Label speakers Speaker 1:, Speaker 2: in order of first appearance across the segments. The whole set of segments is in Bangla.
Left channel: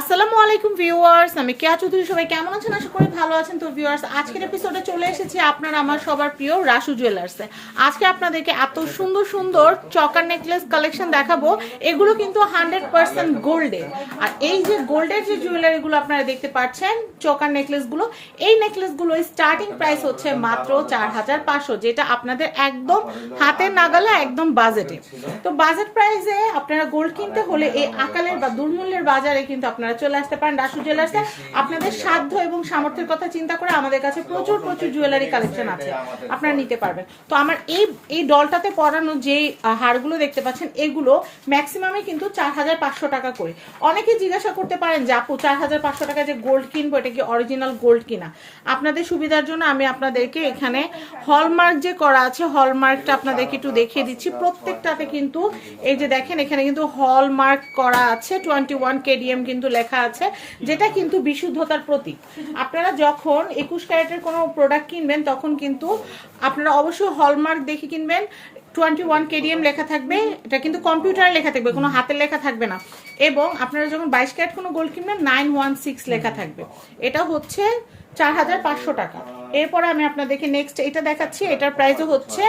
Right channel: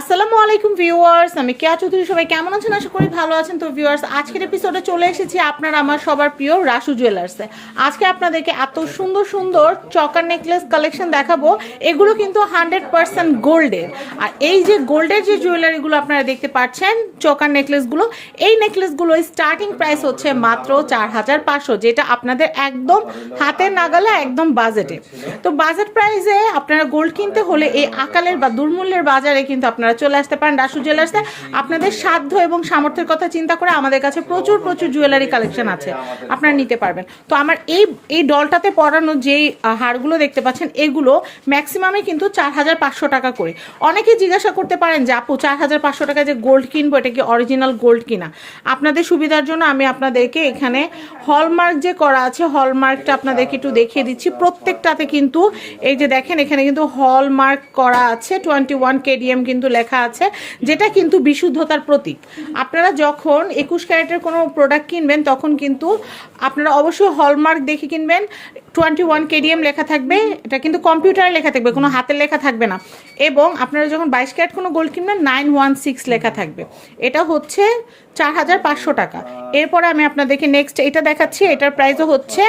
Speaker 1: আসসালামু আলাইকুম ভিউয়ার্স, আমি কেয়া চৌধুরী, সবাই কেমন আছেন? আশা করি ভালো আছেন। তো ভিউয়ার্স, আজকের এপিসোডে চলে এসেছি আপনার, আমার সবার প্রিয় রাসু জুয়েলার্সে আজকে আপনাদেরকে এত সুন্দর সুন্দর চকার নেকলেস কালেকশন দেখাবো। এগুলো কিন্তু হান্ড্রেড পার্সেন্ট গোল্ডের আর এই যে গোল্ডের যে জুয়েলারিগুলো আপনারা দেখতে পাচ্ছেন, চকার নেকলেসগুলো এই নেকলেসগুলো স্টার্টিং প্রাইস হচ্ছে মাত্র চার হাজার পাঁচশো, যেটা আপনাদের একদম হাতের নাগালে, একদম বাজেটে তো বাজেট প্রাইসে আপনারা গোল্ড কিনতে হলে এই আকালের বা দুর্মূল্যের বাজারে কিন্তু আপনারা চলে আসতে পারেন রাসু জুয়েলার্সে আপনাদের সাধ্য এবং সামর্থ্যের কথা চিন্তা করে আমাদের কাছে প্রচুর প্রচুর জুয়েলারি কালেকশন আছে। আপনারা নিতে পারবেন। তো আমার এই এই ডলটাতে পরানো যেই হারগুলো দেখতে পাচ্ছেন, এগুলো ম্যাক্সিমামে কিন্তু চার হাজার পাঁচশো টাকা করে। অনেকে জিজ্ঞাসা করতে পারেন যে, আপু, চার হাজার পাঁচশো টাকা যে গোল্ড কিনবো, এটা কি অরিজিনাল গোল্ড কিনা? আপনাদের সুবিধার জন্য আমি আপনাদেরকে এখানে হলমার্ক যে করা আছে হলমার্কটা আপনাদেরকে একটু দেখিয়ে দিচ্ছি। প্রত্যেকটাতে কিন্তু এই যে দেখেন, এখানে কিন্তু হলমার্ক করা আছে টোয়েন্টি ওয়ান কেডিএম কিন্তু লেখা আছে, যেটা কিন্তু বিশুদ্ধতার প্রতীক। আপনারা যখন একুশ ক্যারেটের কোনো প্রোডাক্ট কিনবেন, তখন কিন্তু আপনারা অবশ্যই হলমার্ক দেখে কিনবেন। টোয়েন্টি ওয়ান কেডিএম লেখা থাকবে, এটা কিন্তু কম্পিউটারে লেখা থাকবে, কোনো হাতের লেখা থাকবে না। এবং আপনারা যখন বাইশ ক্যারেট কোনো গোল্ড কিনবেন নাইন ওয়ান সিক্স লেখা থাকবে। এটা হচ্ছে চার হাজার পাঁচশো টাকা। এরপরে আমি আপনাদেরকে নেক্সট এটা দেখাচ্ছি, এটার প্রাইসও হচ্ছে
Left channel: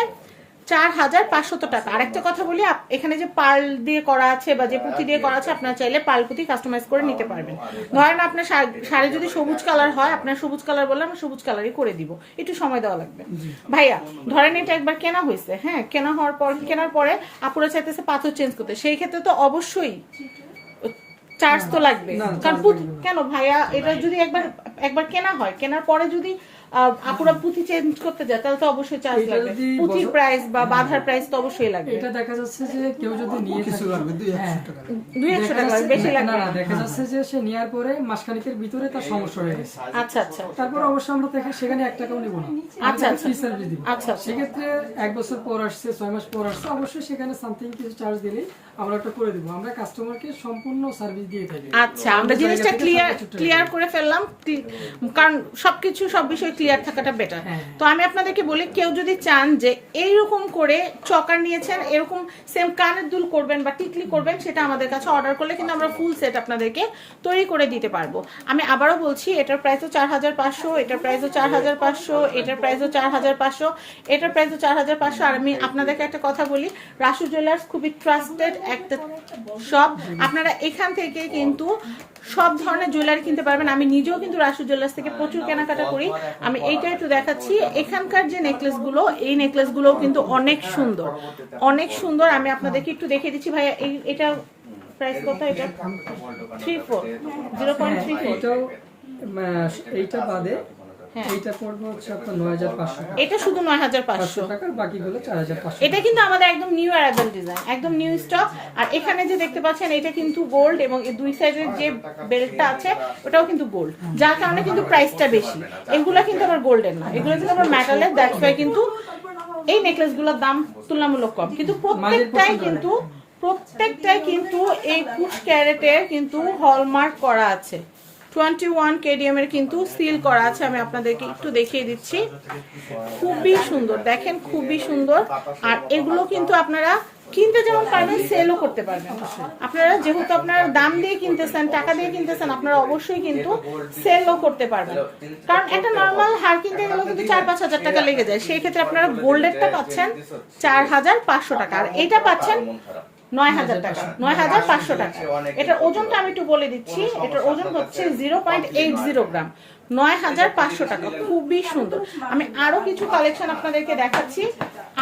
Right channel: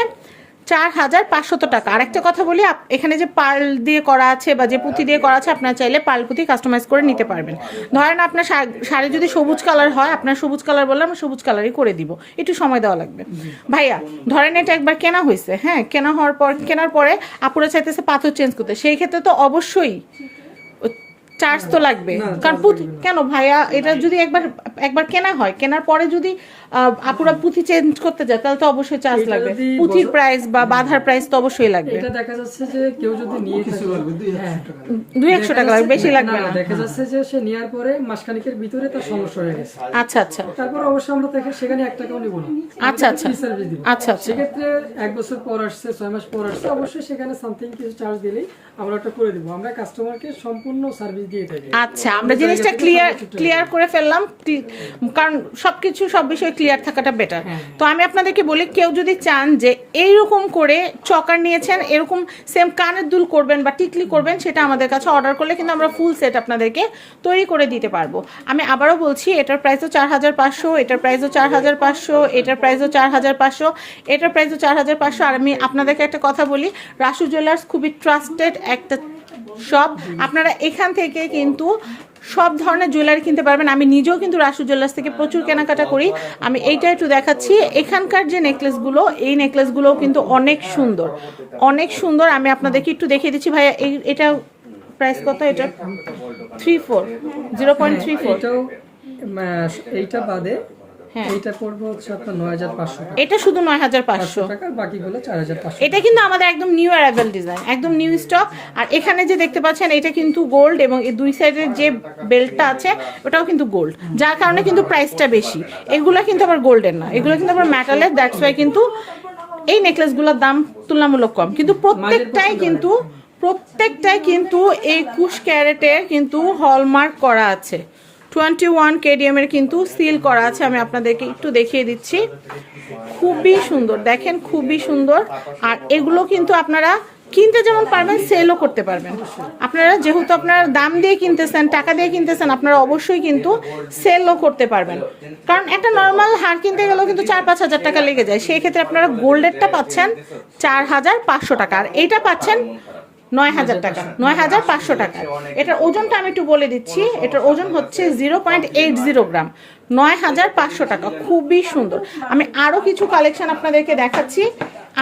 Speaker 1: চার হাজার পাঁচশত টাকা। আর একটা কথা বলি এখানে যে পাল দিয়ে করা আছে বা যে পুঁথি দিয়ে করা আছে আপনারা চাইলে পাল পুঁথি কাস্টমাইজ করে নিতে পারবেন। ধরেন আপনার শাড়ি যদি সবুজ কালার হয় আপনার সবুজ কালার বললে আমরা সবুজ কালারই করে দিব। একটু সময় দেওয়া লাগবে। ভাইয়া ধরেন এটা একবার কেনা হয়েছে হ্যাঁ কেনা হওয়ার পর কেনার পরে আপুরা চাইতেছে পাথর চেঞ্জ করতে। সেই ক্ষেত্রে তো অবশ্যই চার্জ তো লাগবে। কারণ কেন ভাইয়া এটা যদি একবার একবার কেনা হয়। কেনার পরে যদি আপুরা পুঁথি চেঞ্জ করতে যায় তাহলে তো অবশ্যই চার্জ লাগবে। পুঁথির প্রাইস বা বাধার প্রাইস তো অবশ্যই লাগবে।
Speaker 2: এটা দেখা যাচ্ছে যে কেউ যদি নিয়ে থাকে হ্যাঁ।
Speaker 1: দুই একশো
Speaker 2: দেখা
Speaker 1: টাকা
Speaker 2: যাচ্ছে-
Speaker 1: বেশি লাগবে
Speaker 2: না, দেখা যাচ্ছে যে সে নেওয়ার পরে মাসখানিকের ভিতরে তার সমস্যা হয়ে গেছে।
Speaker 1: আচ্ছা আচ্ছা।
Speaker 2: তারপর অবশ্যই আমরা থেকে সেখানে এক টাকাও নিব না।
Speaker 1: আচ্ছা, আচ্ছা।
Speaker 2: সার্ভিস দিব।
Speaker 1: আচ্ছা, আচ্ছা।
Speaker 2: সেক্ষেত্রে এক বছর পর আসছে ছয় মাস পর আসছে অবশ্যই সেখানে সামথিং কিছু চার্জ দিলেই আমরা ওটা করে দিব। আমরা কাস্টমারকে সম্পূর্ণ সার্ভিস দিয়ে থাকি।
Speaker 1: আচ্ছা আমরা জিনিসটা ক্লিয়ার ক্লিয়ার করে ফেললাম কারণ সবকিছু সব বিষয়ে ক্লিয়ার থাকাটা বেটার
Speaker 2: হ্যাঁ।
Speaker 1: তো আমি আপনাদেরকে বলি কেউ যদি চান যে এইরকম করে চকার নিয়েছেন এরকম সেম কানের দুল করবেন বা টিকলি করবেন সেটা আমাদের কাছে অর্ডার করলে কিন্তু আমরা ফুল সেট আপনাদেরকে তৈরি করে দিতে পারব। আমি আবারও বলছি এটার প্রাইসও চার হাজার পাঁচশো এটার প্রাইসও চার হাজার পাঁচশো এটার প্রাইসও চার হাজার পাঁচশো এটার প্রাইসও চার হাজার পাঁচশো। আর আমি আপনাদেরকে একটা কথা বলি রাসু জুয়েলার্স খুবই ট্রাস্টেড একটা শপ আপনারা এখান থেকে কিন্তু সব ধরনের জুয়েলারি কিনতে পারবেন। আমি নিজেও কিন্তু রাসু জুয়েলার্স থেকে প্রচুর কেনাকাটা করি। আমি এইটা একটু দেখাচ্ছি। এখানকার যে নেকলেসগুলো এই নেকলেসগুলোও কিন্তু অনেক সুন্দর। অনেক সুন্দর। আমি আপনাদেরকে একটু দেখিয়ে দিচ্ছি ভাইয়া এই এটা প্রাইস কত এটা? Three four zero point three four
Speaker 2: এইটা বাদে
Speaker 1: হ্যাঁ।
Speaker 2: এইটা পড়বে হচ্ছে আপনার নয় হাজার পাঁচশো
Speaker 1: এটা শুধু নয় হাজার পাঁচশো।
Speaker 2: টাকা বাকিগুলো চার হাজার পাঁচশো
Speaker 1: এটা কিন্তু আমাদের একদম নিউ অ্যারাইভাল ডিজাইন একদম নিউ স্টক আর এখানে যে দেখতে পাচ্ছেন এটা কিন্তু গোল্ড এবং এই দুই সাইডের যে বেল্টটা আছে ওটাও কিন্তু গোল্ড যার কারণে কিন্তু প্রাইসটা বেশি। এগুলো কিন্তু আবার গোল্ডের না। এগুলো কিন্তু আবার মেটালের দ্যাটস ওয়াই কিন্তু এই নেকলেসগুলোর দাম তুলনামূলক কম। কিন্তু প্রত্যেকটাই কিন্তু প্রত্যেকটাই কিন্তু একুশ ক্যারেটের কিন্তু হলমার্ক করা আছে। টোয়েন্টি ওয়ান কেডিএম এর কিন্তু সিল করা আছে, আমি আপনাদেরকে একটু দেখিয়ে দিচ্ছি। খুবই সুন্দর, দেখেন খুবই সুন্দর। আর এগুলো কিন্তু আপনারা কিনতে যেমন পারবেন সেলও করতে পারবেন। আপনারা যেহেতু আপনারা দাম দিয়ে কিনতেছেন, টাকা দিয়ে কিনতেছেন, আপনারা অবশ্যই কিন্তু সেলও করতে পারবেন। কারণ একটা নর্মাল হার কিনতে গেলেও কিন্তু চার পাঁচ হাজার টাকা লেগে যায়। সেই ক্ষেত্রে আপনারা গোল্ডেরটা পাচ্ছেন চার হাজার পাঁচশো টাকা। আর এইটা পাচ্ছেন নয় হাজার টাকা নয় হাজার পাঁচশো টাকা। এটার ওজনটা আমি একটু বলে দিচ্ছি। এটার ওজন হচ্ছে zero point eight zero gram. নয় হাজার পাঁচশো টাকা খুবই সুন্দর। আমি আরও কিছু কালেকশন আপনাদেরকে দেখাচ্ছি।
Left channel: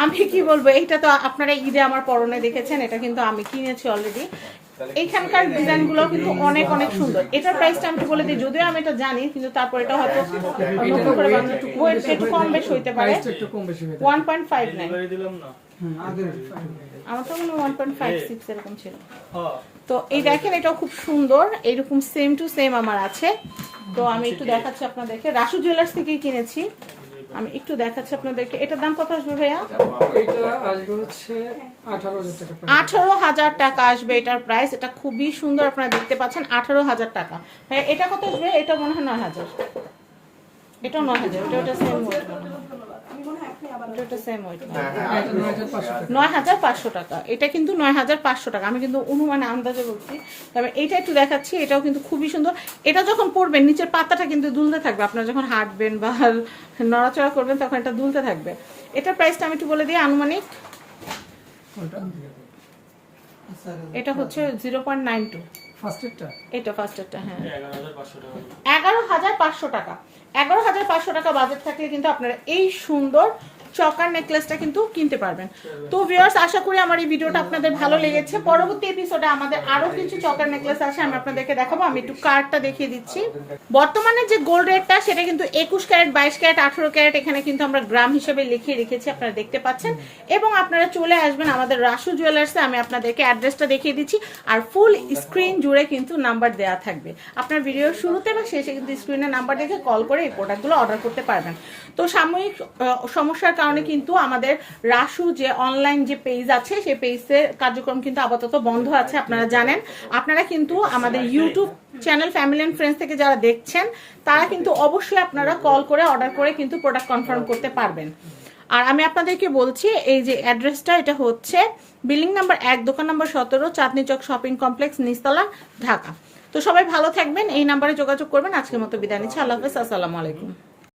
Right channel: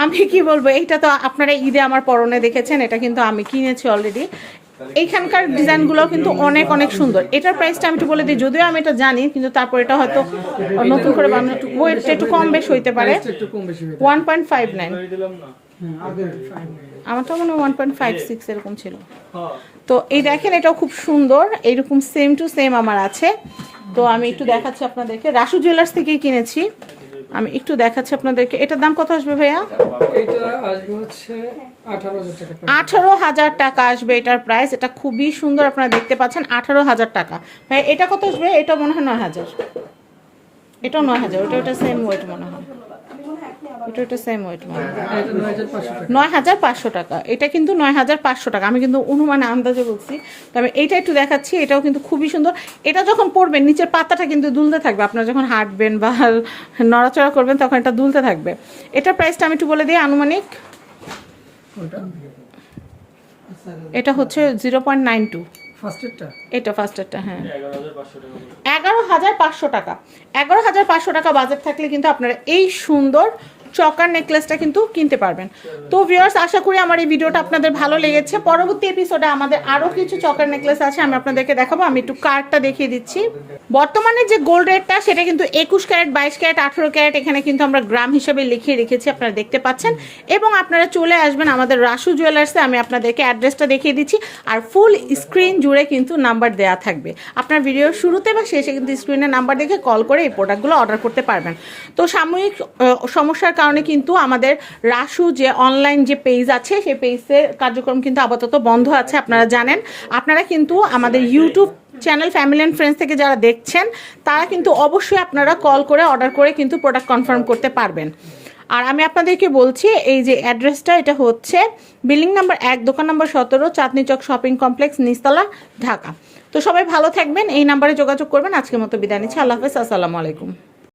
Speaker 1: আমি কি বলব এইটা তো আপনারা ঈদে আমার পরনে দেখেছেন এটা কিন্তু আমি কিনেছি অলরেডি এইখানকার ডিজাইনগুলো কিন্তু অনেক অনেক সুন্দর। এটার প্রাইসটা আমি একটু বলে দিই যদিও আমি এটা জানি কিন্তু তারপর এটা হয়তো নতুন করে বানানো একটু কম বেশ হইতে পারে। ওয়ান পয়েন্ট ফাইভ নাইন আমারটা মনে হয় ওয়ান পয়েন্ট ফাইভ সিক্স এরকম ছিল। তো এই দেখেন এটাও খুব সুন্দর। এইরকম সেম টু সেম আমার আছে। তো আমি একটু দেখাচ্ছি আপনাদেরকে। রাসু জুয়েলার্স থেকেই কিনেছি। আমি একটু দেখাচ্ছি আপনাদেরকে। এটার দাম কত আসবে ভাইয়া?
Speaker 2: আঠারো হাজার টাকা।
Speaker 1: আসবে এটার প্রাইস এটা খুবই সুন্দর আপনারা দেখতে পাচ্ছেন। আঠারো হাজার টাকা। ভাইয়া এটা কত আসবে? এটা মনে হয় নয় হাজার। এটাও নয় হাজার। ওটা ওটা সেম ওয়েট মনে এটা একটা সেম ওয়েট
Speaker 2: এটা নয় হাজার পাঁচশো টাকা।
Speaker 1: এটা কিন্তু নয় হাজার পাঁচশো টাকা। আমি কিন্তু অনুমানে আন্দাজে বলছি। তবে এইটা একটু দেখাচ্ছি এটাও কিন্তু খুবই সুন্দর। এটা যখন পরবেন নিচের পাতাটা কিন্তু দুলতে থাকবে। আপনারা যখন হাঁটবেন বা নড়াচড়া করবেন তখন এটা দুলতে থাকবে। এটার প্রাইসটা আমি একটু বলে দিই আনুমানিক। এটা হচ্ছে জিরো পয়েন্ট নাইন টু এটা ফার্স্টেরটা হ্যাঁ। এগারো হাজার পাঁচশো টাকা। এগারো হাজার পাঁচশো টাকা। বাজেট থাকলে কিন্তু আপনারা এই সুন্দর চকার নেকলেসটা কিন্তু কিনতে পারবেন। তো ভিউয়ার্স আশা করি আমার এই ভিডিওটা আপনাদের ভালো লেগেছে। পরবর্তী এপিসোডে আমাদের আরও কিছু চকার নেকলেস আছে আমি আপনাদেরকে দেখাবো। আমি একটু কার্ডটা দেখিয়ে দিচ্ছি। বর্তমানে যে গোল্ড রেটটা সেটা কিন্তু একুশ ক্যারেট, বাইশ ক্যারেট, আঠারো ক্যারেট, এখানে কিন্তু আমরা গ্রাম হিসেবে লিখিয়ে রেখেছি, আপনারা দেখতে পাচ্ছেন। এবং আপনারা চলে আসবেন আমাদের রাসু জুয়েলার্সে আমি আপনাদেরকে অ্যাড্রেসটা দেখিয়ে দিচ্ছি। আর ফুল স্ক্রিন জুড়ে কিন্তু নাম্বার দেওয়া থাকবে। আপনার ভিডিওর শুরুতে বা শেষে কিন্তু স্ক্রিনে নাম্বার দেখে কল করে এই প্রোডাক্টগুলো অর্ডার করতে পারবেন। তো সাময়িক সমস্যার কারণে কিন্তু আমাদের রাসু যে অনলাইন যে পেজ আছে, সেই পেজের কার্যক্রম কিন্তু আপাতত বন্ধ আছে, আপনারা জানেন। আপনারা কিন্তু আমাদের YouTube channel family and friends থেকে যারা দেখছেন, তারা কিন্তু অবশ্যই আপনারা কল করে অর্ডার করে কিন্তু প্রোডাক্ট কনফার্ম করতে পারবেন। আর আমি আপনাদেরকে বলছি, এই যে অ্যাড্রেসটা এটা হচ্ছে বিল্ডিং নাম্বার এক, দোকান নাম্বার সতেরো, চাঁদনি চক শপিং কমপ্লেক্স নিস্তলা ঢাকা। তো সবাই ভালো থাকবেন, এই নাম্বারে যোগাযোগ করবেন। আজকের মতো বিদায় নিচ্ছি। আল্লাহ হাফেজ, আসসালামু আলাইকুম।